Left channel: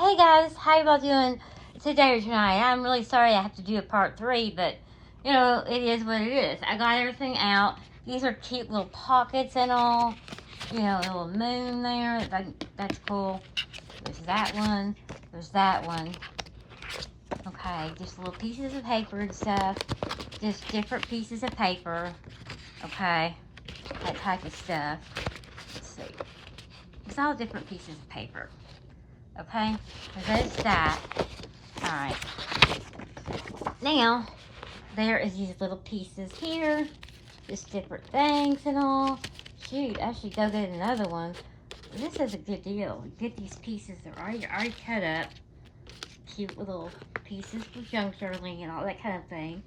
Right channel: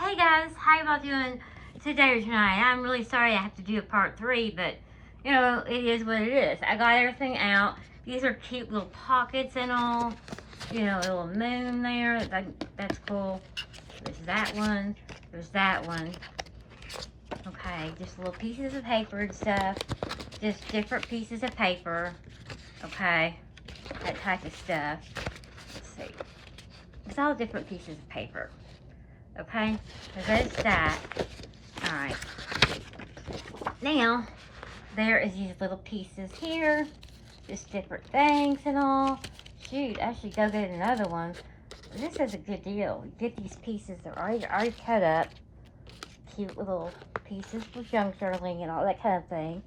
Hey guys, how y'all doing today or tonight? I'm really sorry I have to do a part 3, but you know, it is what it is. I got everything out. These are cute little pockets and all. You know, a little moon there. That's cool. There's that one. There's that one. Okay, just little pieces of paper and stuff. Just different pieces of paper. Okay, that type of stuff. Let's see. It's all different pieces of paper. Okay, so there's that. Alright. Now, there is these little pieces here. Just different things and all. Shoot, I should go get another one. This is a good deal. Get these pieces. They're already cut up. Cute little pieces for junk journaling and all that kind of thing.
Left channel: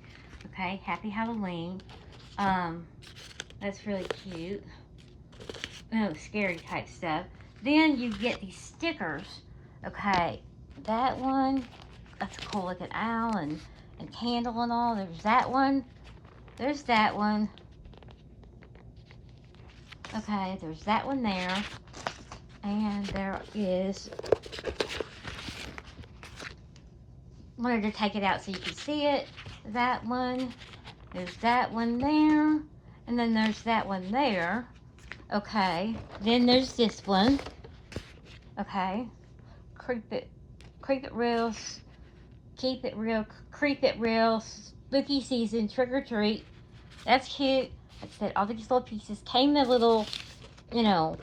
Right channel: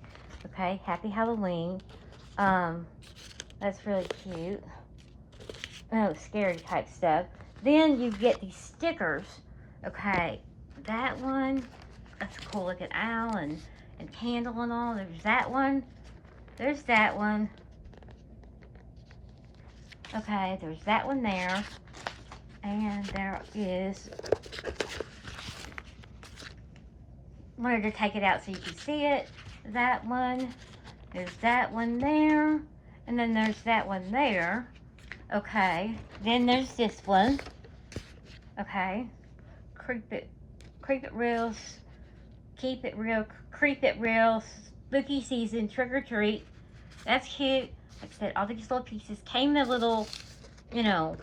Okay, happy Halloween. That's really cute. Oh, scary type stuff. Then you get these stickers. Okay, that one, that's a cool looking owl and candle and all. There's that one. There's that one. Okay, there's that one there. And there is, wanted to take it out so you can see it. That one. There's that one there. And then there's that one there. Okay, then there's this one. Okay. Creep it real, keep it real, creep it real, spooky season, trick or treat. That's cute. Like I said, all these little pieces came in a little, you know,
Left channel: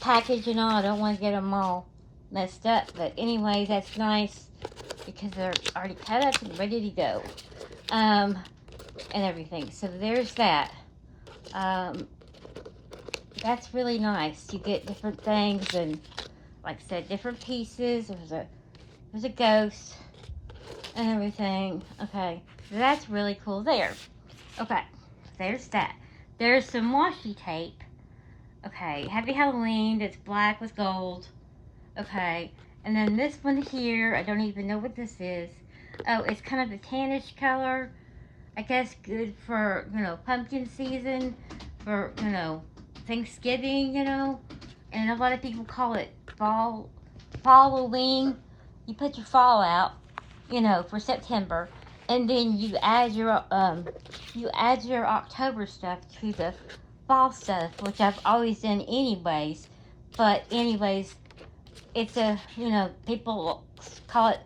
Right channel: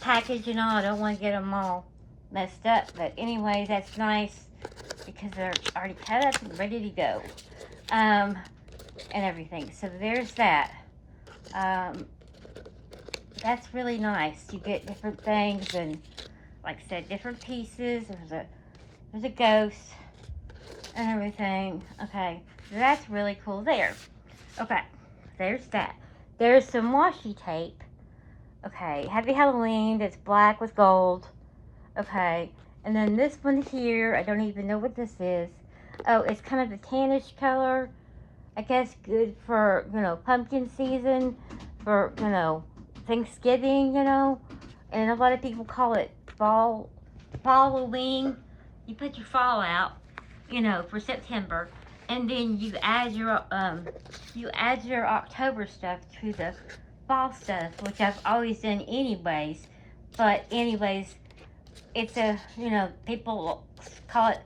package and all. I don't want to get them all messed up, but anyways, that's nice because they're already cut up and ready to go, and everything. So there's that. That's really nice. You get different things and, like I said, different pieces. There's a ghost and everything. Okay, so that's really cool there. Okay, there's that. There's some washi tape. Okay, Happy Halloween. That's black with gold. Okay, and then this one here, I don't even know what this is. Oh, it's kind of a tannish color. I guess good for, you know, pumpkin season, for, you know, Thanksgiving, you know. And a lot of people call it Halloween. You put your fall out, you know, for September, and then you add your October stuff to the fall stuff, which I've always done anyways. But anyways, it's a, you know, people call it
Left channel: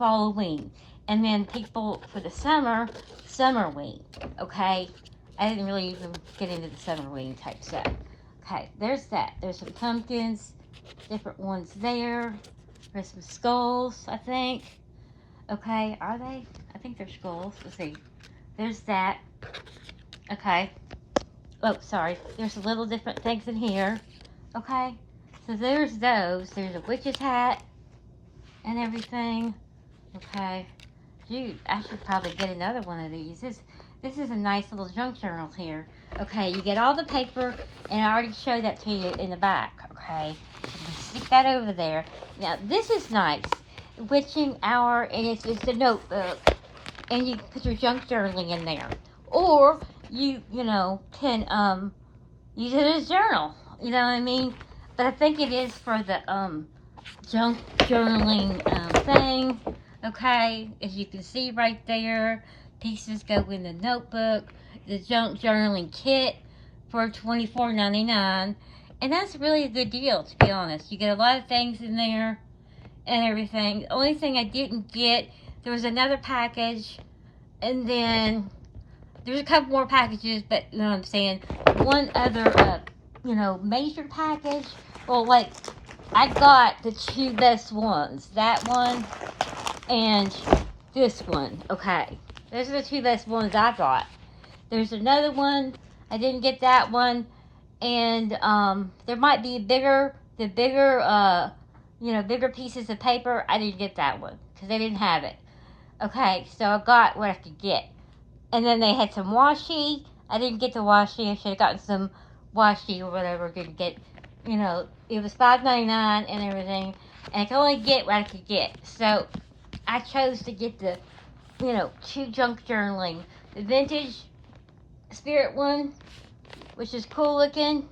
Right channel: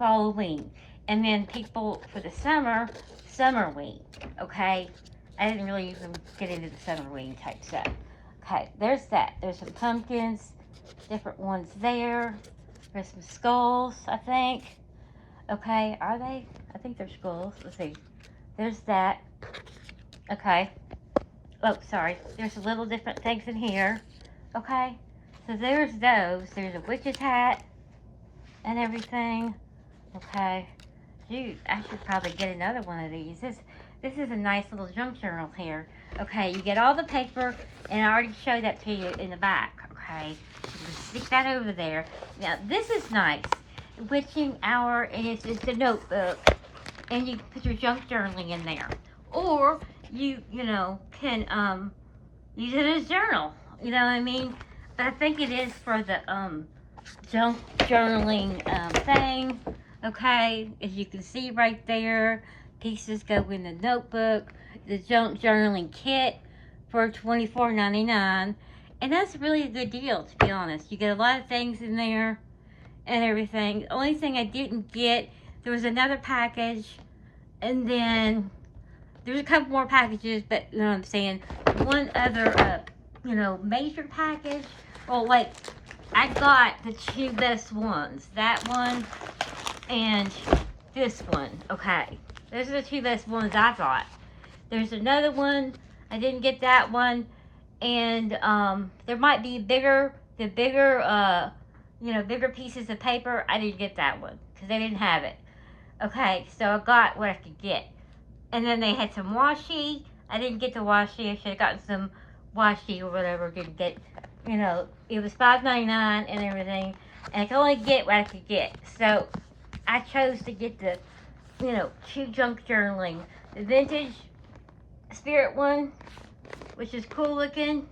Halloween, and then people for the Summerween. Okay, I didn't really even get into the Summerween type stuff. Okay, there's that. There's some pumpkins, different ones there. There's some skulls, I think. Okay, are they? I think they're skulls. Let's see. There's that. Okay. Oh, sorry. There's a little different things in here. Okay. So there's those. There's a witch's hat and everything. Okay. Dude, I should probably get another one of these. This is a nice little junk journal here. Okay, you get all the paper, and I already showed that to you in the back. Okay, stick that over there. Now this is nice. Witching hour, and it's a notebook, and you put your junk journaling in there, or you know can use it as a journal. You know what I mean? But I think it is for the junk journaling thing. Okay, as you can see right there, pieces go in the notebook. The junk journaling kit for $24.99, and that's really a good deal, to be honest. You get a lot of things in there and everything. The only thing I didn't get, there was another package, and then there's a couple more packages, but you know what I'm saying, one other you know, major package. Well, like, I got the two best ones, that one and this one. Okay, those are the two best ones I got. There's another one, I didn't get that one, and there might be bigger you know, bigger pieces of paper. I didn't get that one because they didn't have it. Okay, so I got what I could get. And then they had some washi. I didn't get the washi. I should have gotten some washi or whatever. Didn't get, you know, it was $5.99 and everything, and I could only get what I could get. So I chose to get the, you know, two junk journaling, the vintage spirit one, which is cool looking,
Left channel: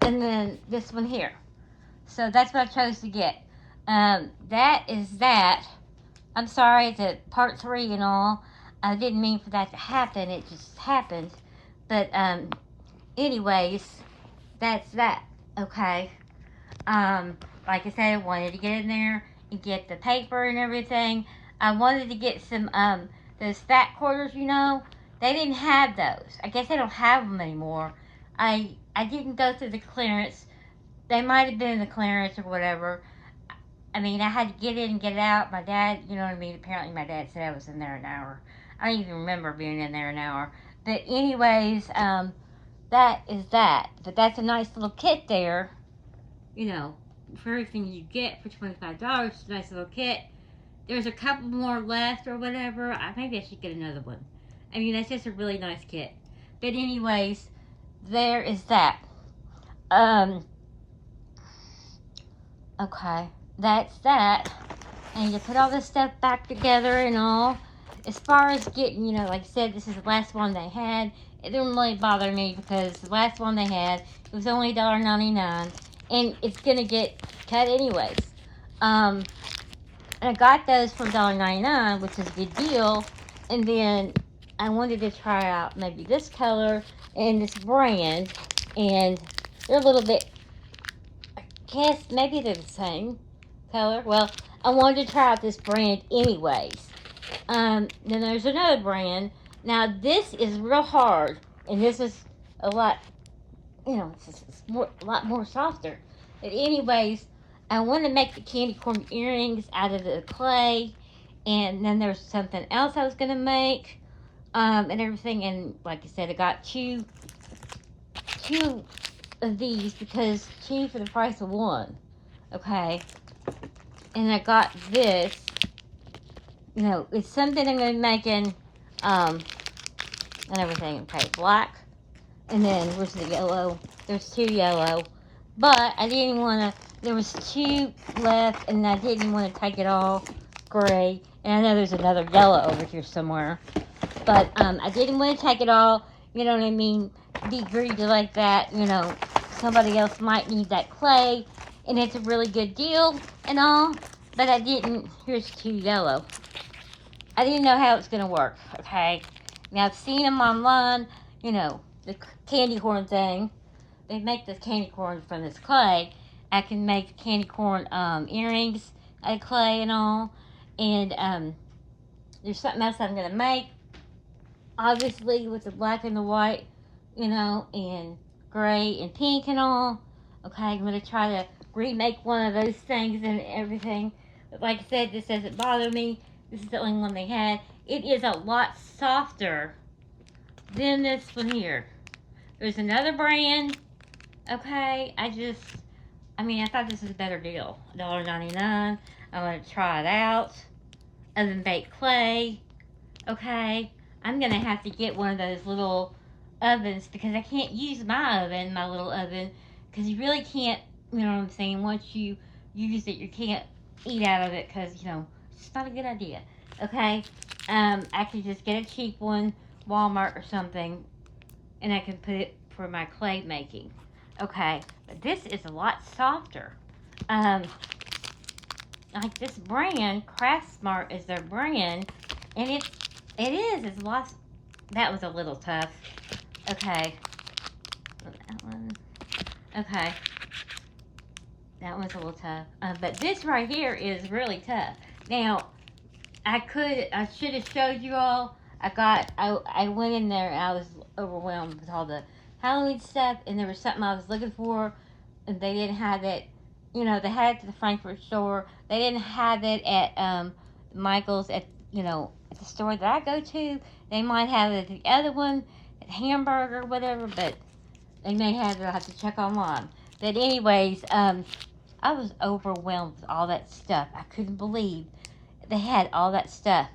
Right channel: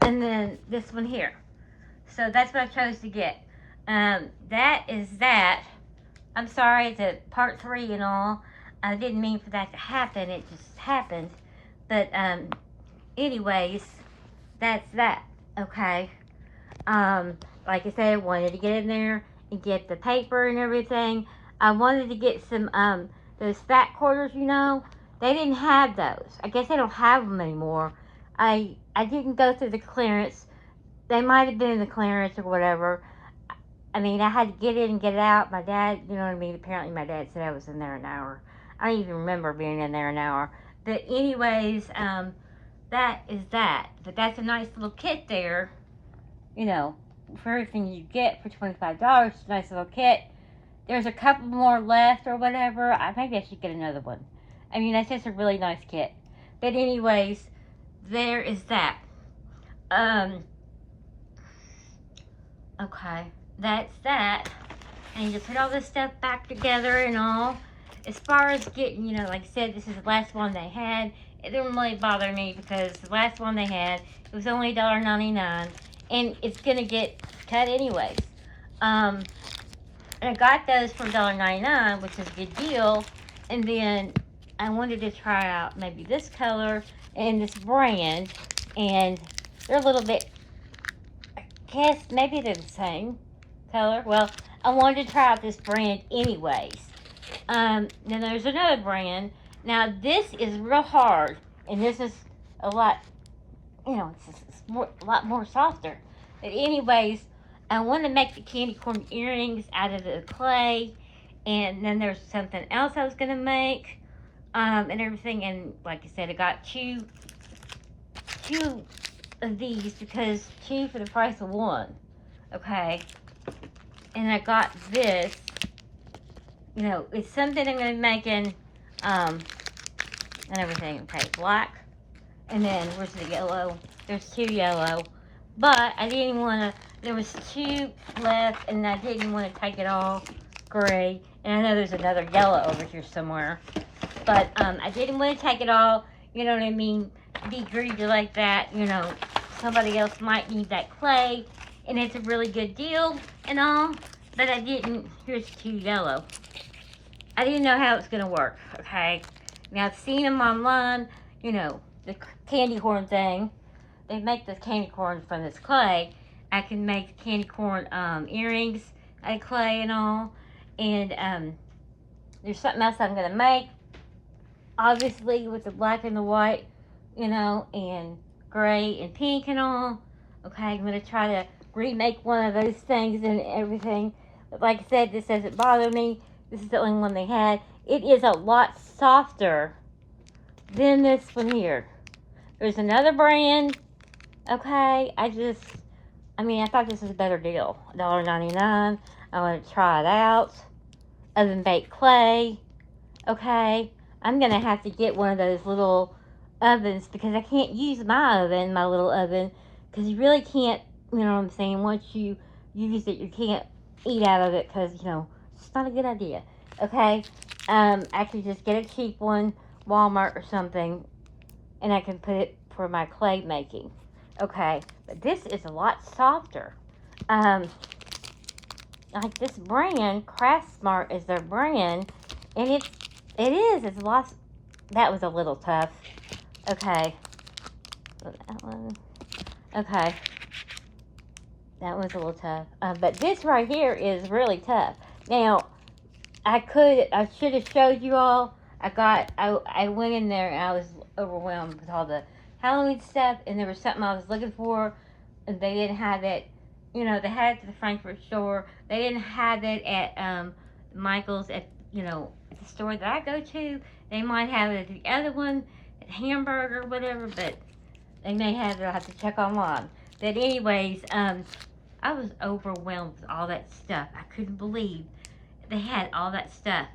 and then this one here. So that's what I chose to get. That is that. I'm sorry, it's a part 3 and all. I didn't mean for that to happen. It just happened. But anyways, that's that. Okay. Like I said, I wanted to get in there and get the paper and everything. I wanted to get some those fat quarters. They didn't have those. I guess they don't have them anymore. I didn't go through the clearance. They might have been in the clearance or whatever. I mean, I had to get in and get out. My dad, you know what I mean? Apparently, my dad said I was in there an hour. I don't even remember being in there an hour. But, anyways, that is that. But that's a nice little kit there, you know, for everything you get for $25. It's a nice little kit. There's a couple more left or whatever. Maybe I should get another one. I mean, that's just a really nice kit. But, anyways, there is that. Okay, that's that. And you put all this stuff back together and all. As far as getting, like I said, this is the last one they had. It didn't really bother me because the last one they had, it was only $1.99. And it's going to get cut anyways. And I got those for $1.99, which is a good deal. And then I wanted to try out maybe this color and this brand. And they're a little bit, I guess maybe they're the same color. Well, I wanted to try out this brand anyways. Then there's another brand. Now this is real hard, and this is a lot, it's a lot more softer. But anyways, I want to make the candy corn earrings out of the clay, and then there's something else I was gonna make, and everything. And like I said, I got two of these because two for the price of one. Okay. And I got this. It's something I'm going to be making, and everything. Okay, black. And then, where's the yellow? There's 2 yellow. But I didn't want to, there was 2 left, and I didn't want to take it all gray. And I know there's another yellow over here somewhere. But, I didn't want to take it all, you know what I mean, be greedy like that, somebody else might need that clay. And it's a really good deal and all. But I didn't, here's 2 yellow. I didn't know how it's going to work, okay? Now, I've seen them online, the candy corn thing. They make the candy corn from this clay. I can make candy corn earrings out of clay and all. And there's something else I'm going to make. Obviously, with the black and the white, and gray and pink and all. Okay, I'm going to try to remake one of those things and everything. But like I said, this doesn't bother me. This is the only one they had. It is a lot softer than this one here. There's another brand. Okay, I thought this was a better deal. $1.99. I want to try it out. Oven baked clay. Okay, I'm going to have to get one of those little ovens because I can't use my little oven, because you really can't, you know what I'm saying, once you use it, you can't eat out of it because, it's not a good idea. Okay, I could just get a cheap one, Walmart or something, and I can put it for my clay making. Okay, but this is a lot softer. Like this brand, Craft Smart is their brand, and it's a lot. That was a little tough. Okay, that one. Okay, that one's a little tough. But this right here is really tough. Now, I should have showed you all. I went in there and I was overwhelmed with all the Halloween stuff, and there was something I was looking for, and they didn't have it. They had it at the Frankfurt store. They didn't have it at Michael's at the store that I go to. They might have it at the other one, at Hamburger or whatever, but they may have it. I'll have to check online. But anyways, I was overwhelmed with all that stuff. I couldn't believe they had all that stuff.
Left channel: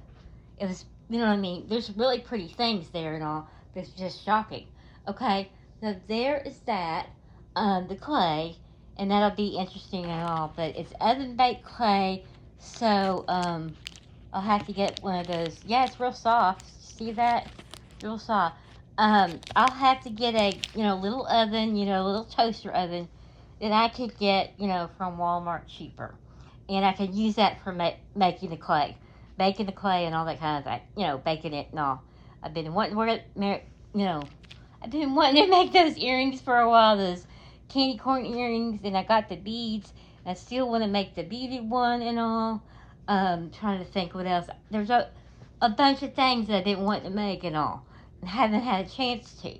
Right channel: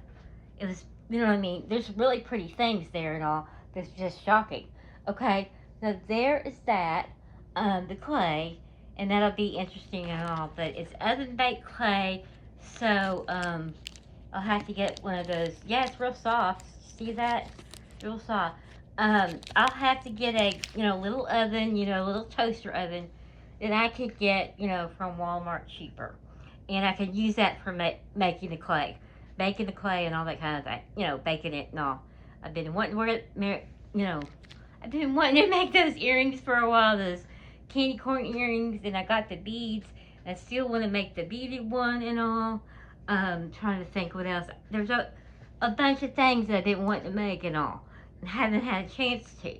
It was, you know what I mean? There's really pretty things there and all. It's just shocking. Okay, so there is that, the clay, and that'll be interesting and all. But it's oven baked clay, so I'll have to get one of those. Yeah, it's real soft. See that? Real soft. I'll have to get a little oven, little toaster oven that I could get from Walmart cheaper. and I could use that for making the clay. Baking the clay and all that kind of thing. You know, baking it and all. I've been wanting to wear it, you know, I've been wanting to make those earrings for a while, those candy corn earrings, and I got the beads. I still want to make the beaded one and all. Trying to think what else. There's a bunch of things that I didn't want to make and all. And haven't had a chance to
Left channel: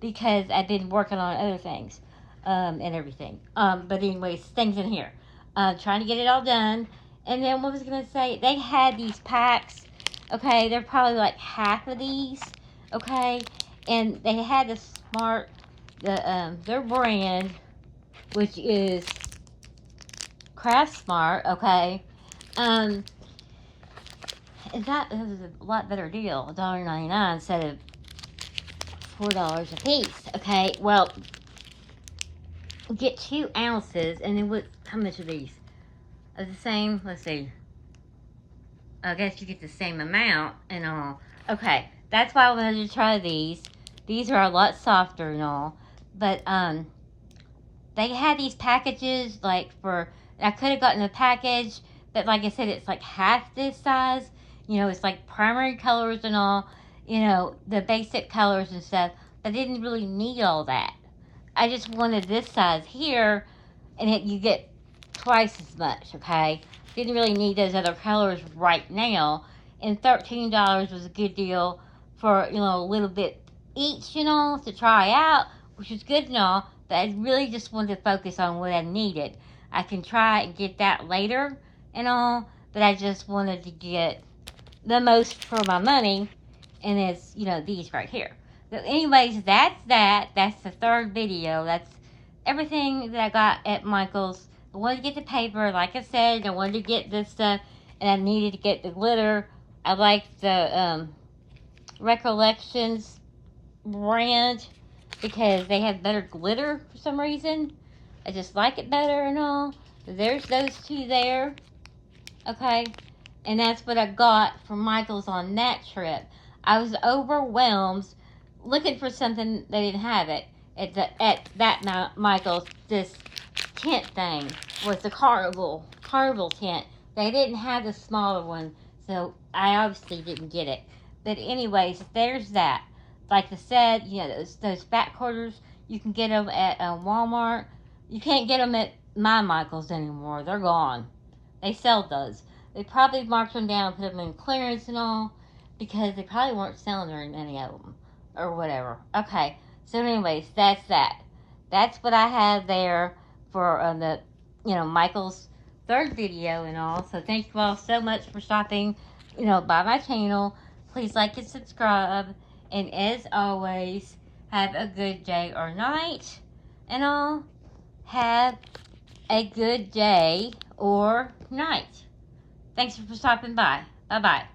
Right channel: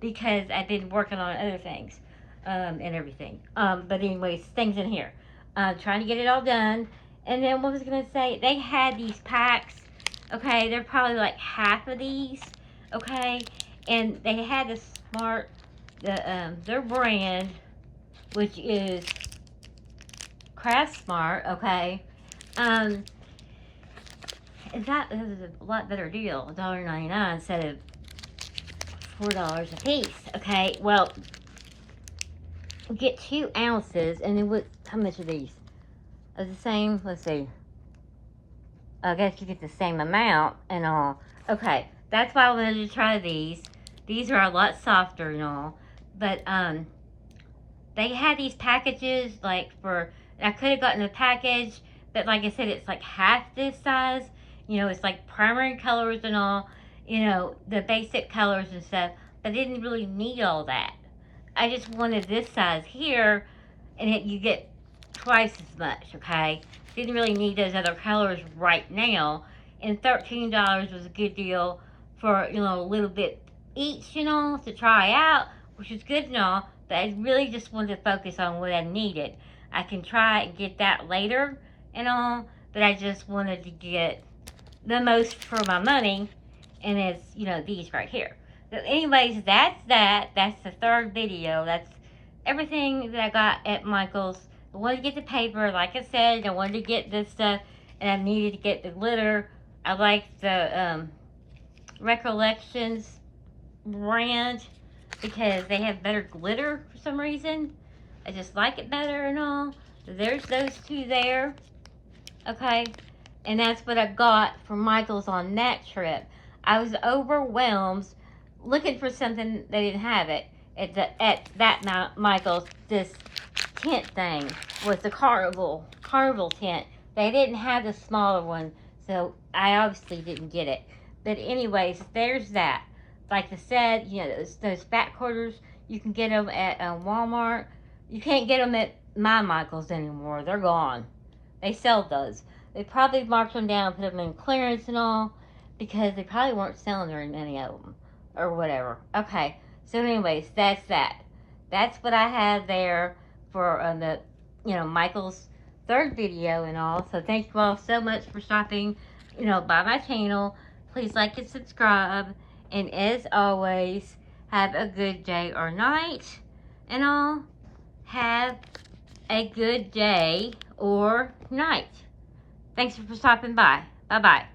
because I've been working on other things and everything. But anyways, things in here. Trying to get it all done. And then what was I going to say? They had these packs. Okay, they're probably like half of these. Okay, and they had the their brand, which is Craft Smart. Okay, and that was a lot better deal, $1.99 instead of $4 a piece. Okay, well, get 2 ounces, and then what? How much are these? Are the same? Let's see. I guess you get the same amount and all. Okay, that's why I wanted to try these. These are a lot softer and all. But, they had these packages, like, I could have gotten a package, but like I said, it's like half this size. You know, it's like primary colors and all. You know, the basic colors and stuff. But I didn't really need all that. I just wanted this size here, and you get twice as much, okay? Didn't really need those other colors right now, and $13 was a good deal for, you know, a little bit each, you know, to try out, which is good and all, but I really just wanted to focus on what I needed. I can try and get that later and all, but I just wanted to get the most for my money, and it's, you know, these right here. So anyways, that's that. That's the third video. That's everything that I got at Michael's. I wanted to get the paper, like I said. I wanted to get this stuff, and I needed to get the glitter. I like the Recollections brand because they have better glitter for some reason. I just like it better and all. So there's those 2 there. Okay, and that's what I got from Michael's on that trip. I was overwhelmed looking for something. They didn't have it at that Michael's. This tent thing was the carnival tent. They didn't have the smaller one, so I obviously didn't get it. But anyways, there's that. Like I said, you know, those back quarters, you can get them at Walmart. You can't get them at my Michael's anymore. They're gone. They sell those. They probably marked them down, put them in clearance and all, because they probably weren't selling very many of them, or whatever. Okay, so anyways, that's that. That's what I have there for the, you know, Michael's third video and all. So thank you all so much for stopping, you know, by my channel. Please like and subscribe. And as always, have a good day or night and all. Have a good day or night. Thanks for stopping by. Bye-bye.